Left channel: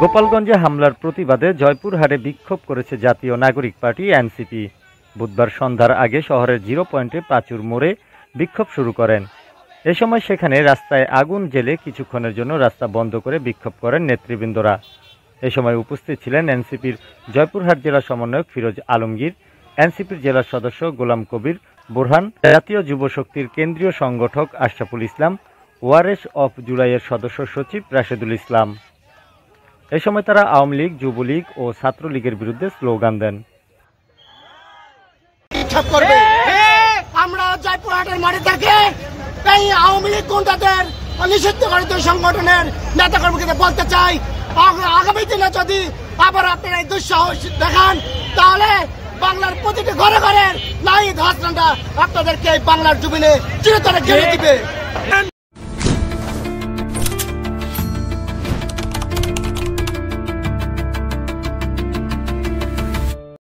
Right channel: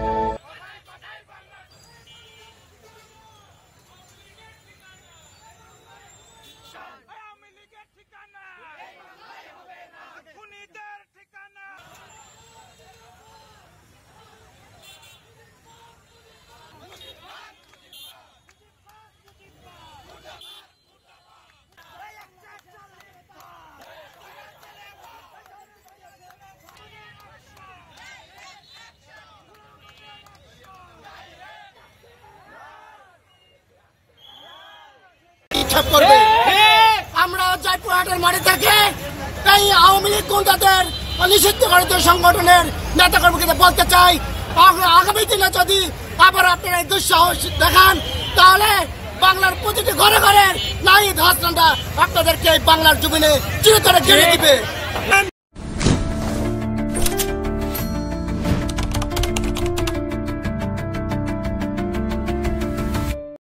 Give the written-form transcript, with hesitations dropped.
গোপালগঞ্জে হামলার প্রতিবাদে জয়পুরহাটে বিক্ষোভ করেছে জাতীয় নাগরিক পার্টি এনসিপি। বুধবার সন্ধ্যার আগে শহরের 0 পয়েন্টে প্রাচুর মোড়ে বিক্ষোভ শুরু করেন। এ সময় সেখানে রাস্তায় আগুন জ্বেলে কিছুক্ষণের জন্য রাস্তা বন্ধ করে বিক্ষোভ করেন নেতৃবৃন্দরা। এ সময় উপস্থিত ছিলেন এনসিপির জয়পুরহাট জেলা সমন্বয়ক ফিরোজ আলমগীর, এনসিপির জেলা সদস্য গোলাম কবির বোরহান, জাতীয় যুব শক্তির কেন্দ্রীয় সংগঠক আশরাফুল ইসলাম, ওয়ারেস অফ জুলাইয়ের সদস্য সচিব রাশেদুল ইসলাম। এ সময় তারা আওয়ামী লীগ, যুবলীগ ও ছাত্রলীগের বিরুদ্ধে স্লোগান দেন। আমরা জয়পুরহাটের মাঠে থেকে এই আওয়ামী লীগ গুন্ডাদের নিষিদ্ধকারী সংগঠনের নেতা কর্মীদের বলতে চাই, আগামী দিনে যদি আবার আপনারা এই দুঃসাহস দেখান তাহলে বাংলার প্রতিটি ঘরে ঘরের নাহিদ হাসানরা আপনাদেরকে এই বাংলার জমিনে চিরতরে ঘিরে দিবে।